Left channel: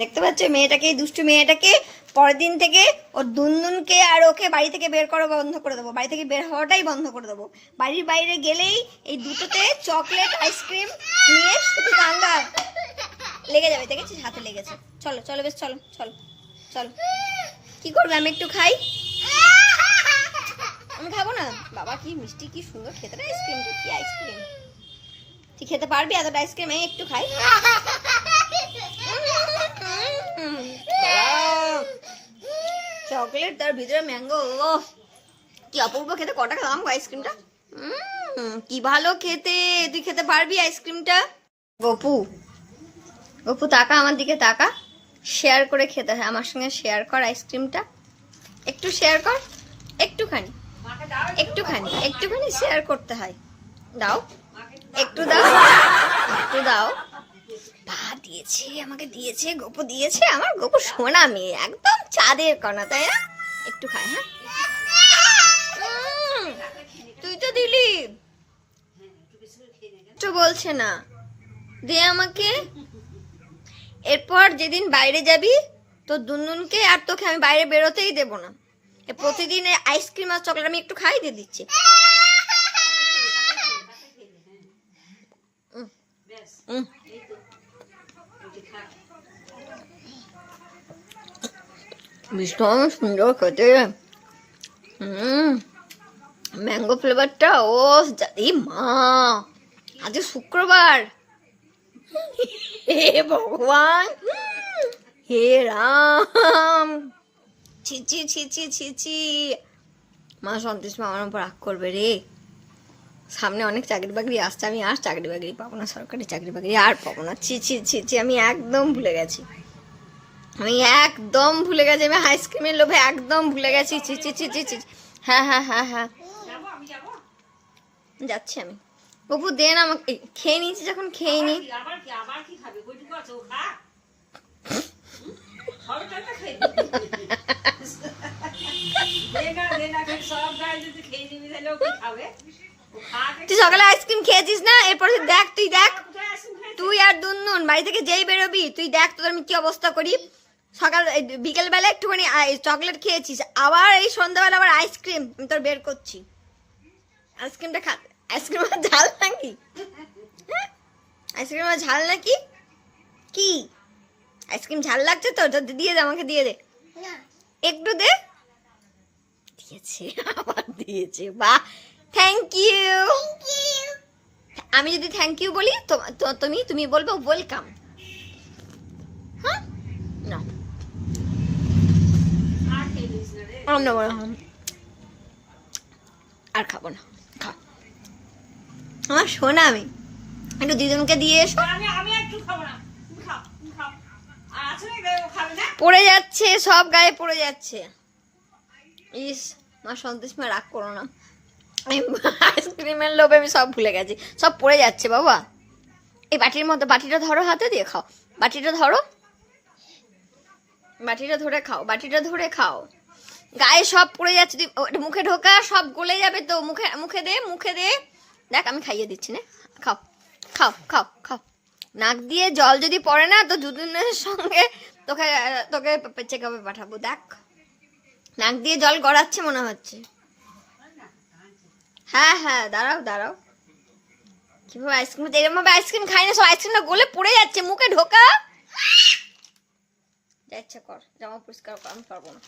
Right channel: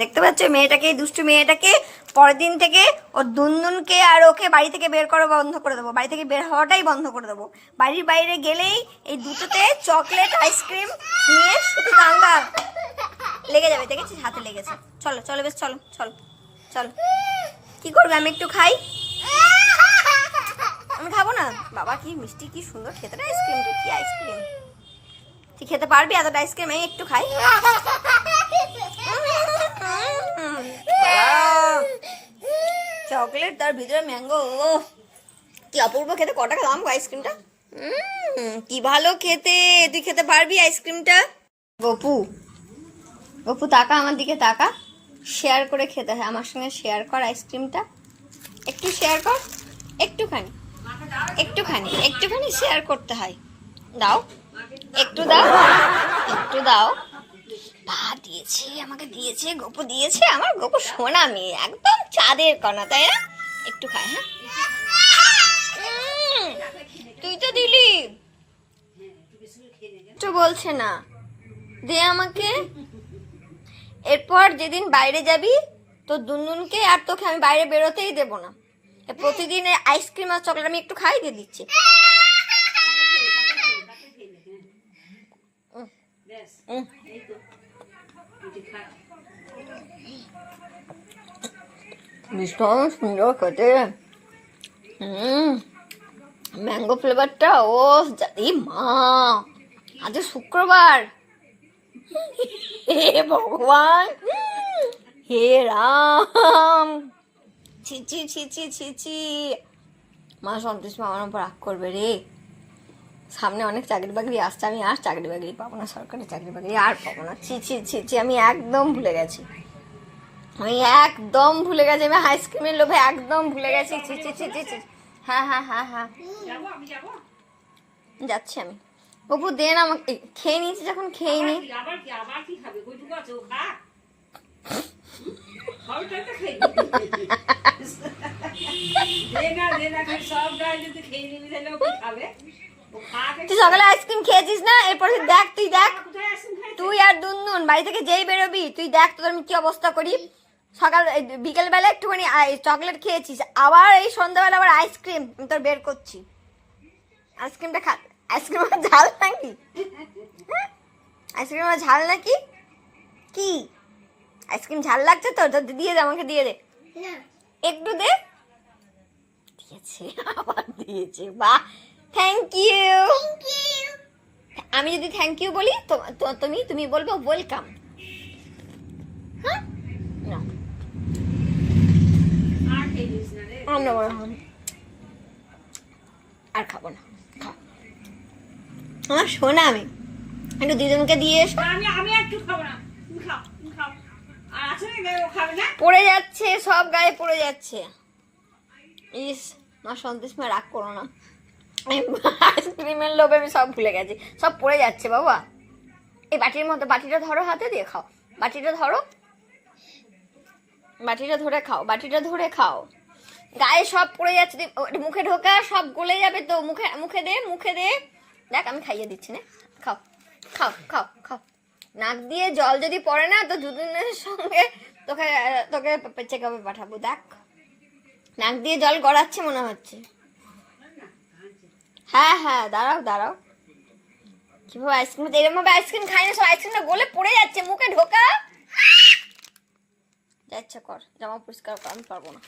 দেখতে পাচ্ছ মেয়েটাকে, দুষ্টু মেয়েটাকে পরের দিন থেকে ওর দুনদুনকে আর ওকে বাড়ি থেকে বের করা বন্ধ করে দেবো, বাড়ি থেকে বের হওয়াটাই বন্ধ করে দেবো। বাড়ির বাইরে গেলেই এই দুটোতে চকলেট আইসক্রিম নিয়ে শুধু কান্দা লেগে যাবে, দেখেছিস হাতে লেগেছে। চলো চলো বেশ, চলো চলো চলো। কি করবে, আমি একটু খাই? আমি খাবো না। বাবা কি মিষ্টি, কি সুন্দর খেতে রে আইসক্রিমটা। কি আইসক্রিম, তুই খেতে পারবি এতটা আইসক্রিম? আমি একটু খাই। চকলেট তার ভিতরে ম্যাঙ্গো, কি অপূর্ব খেতে। ক টাকা দাম আইসক্রিমটা? কি ভালো খেতে। তুই খেতে পারবি আইসক্রিমটা? গপু, গপু তাকা আমার দিকে, তাকা। শেয়ার করে খেতে হয়, আমার সঙ্গে শেয়ার কর আইসক্রিমটা। একটু শেয়ার কর, একটুখানি একটুখানি একটুখানি শেয়ার করতে হয়। দাও একটু, দাও একটু দাও। পা দিয়েছে আমাকে, দিয়েছে গপু, দিয়েছে। আমার গপু সোনা মেয়ে, একদম চাঁদের কণা, তাই না? একটু খাই। হ্যাঁ তুই তো দিলি, একটু বলছে না, দে আমাকে। এরপর যেদিন বাইরে যাবি তো দুনদুনকে আর তোকে আমি বাইরে বেরোতেই দেবো না। প্রতিদিন আইসক্রিম আর চকলেট আমি একটু খাই, দিয়ে দিচ্ছি। ভীষণ সুন্দর খেতে। ম্যাঙ্গো ফ্লেভারটা। ও মা, আজ শুক্রবার। হে ভগবান, হে রাম, ছিচি ছিচি ছিচি। মা সন্তোষ মা আমার উপর রাগ করবে রে। সামনে অনেক চাকরি বাকরি আসছে, আমি আর চাকরি বাকরি পাবো না, সরকারি চাকরি বাকরি আর পাবো না। ছিচি ছিচি, আমি একদম ভুলে গেছি, আমি একদম ভুলে গেছি। আমি আইসক্রিমের লোভে একদম ভুলে গেছি। ছিচি ছিচি ছিচি। হ্যাঁ হ্যাঁ হ্যাঁ হ্যাঁ, যাচ্ছি আমি। বাবু দেন আমাকে, খেয়ে নিয়েছি যখন খেয়ে নি। তুই সকালে আইসক্রিম খেয়েছিস না? এরপর দেখ, তুই দেখ, তুই আর দুনদুন বাড়ি থেকে যেই বেরোবি তুই দেখ তোদের আমি কি অবস্থা করি। সকাল বিকেল বেলা একটুখানি চকলেট খেয়েছিস, আবার এই সন্ধ্যাবেলা আবার আইসক্রিম তোর বের করছি। আইসক্রিমটা খা। আইসক্রিম ঝাল নাকি? আইসক্রিম ঝাল নাকি? কি আইসক্রিম ঝাল লাগছে তো? দিয়ে দে আমাকে, দিয়ে দে একটু, দে। দিয়েছে, আবার দিয়েছে, বাহ, থ্যাংক ইউ। আমি যদি থ্যাংক ইউ বলি তো তুমি বলবে ওয়েলকাম। হ্যাঁ না, আর খাবো না, খাও আমার সোনা। আমি একটু দিদুনকে দিয়ে এসো। পড়ে যাচ্ছে সব, গায়ে পড়ে যাচ্ছে। ইস, মা সন্তোষ মা রাগ করো না, আইসক্রিমের লোভে আমি সব ভুলে গেছি, সব পড়ে যাচ্ছে। বাবা এই বাটির মধ্যে, বাটিটা ধরো, হাতে দিয়ে খাও, বাটিটা ধরো, বাটিটা ধরে খাও, বাটিটা ধরে খাও। গায়ে সব পড়ে যাচ্ছে, মুখে ঢোকা, সব গলে যাবে তো। মুখে মুখে দে, মুখে দে। দেখ আমি খাইয়ে দিচ্ছি না, খাও খাও খাও খাও। নাক দিয়ে জল যদি পড়ে না তো দুদিনের সঙ্গে তোকে তোকে চেক আপে পাঠাবো। দেখ নাক দিয়ে জল গড়াচ্ছে মনে হচ্ছে। হ্যাঁ হ্যাঁ, দাঁড়াও দাঁড়াও। কিভাবে আইসক্রিম, এরকম ভাবে আইসক্রিম খাই না, সব আইসক্রিমটা গলে পড়ে যাচ্ছে। মুখে ঢোকা, যা ইচ্ছা কর, জামা পরিষ্কার কর, আমি পারবো না।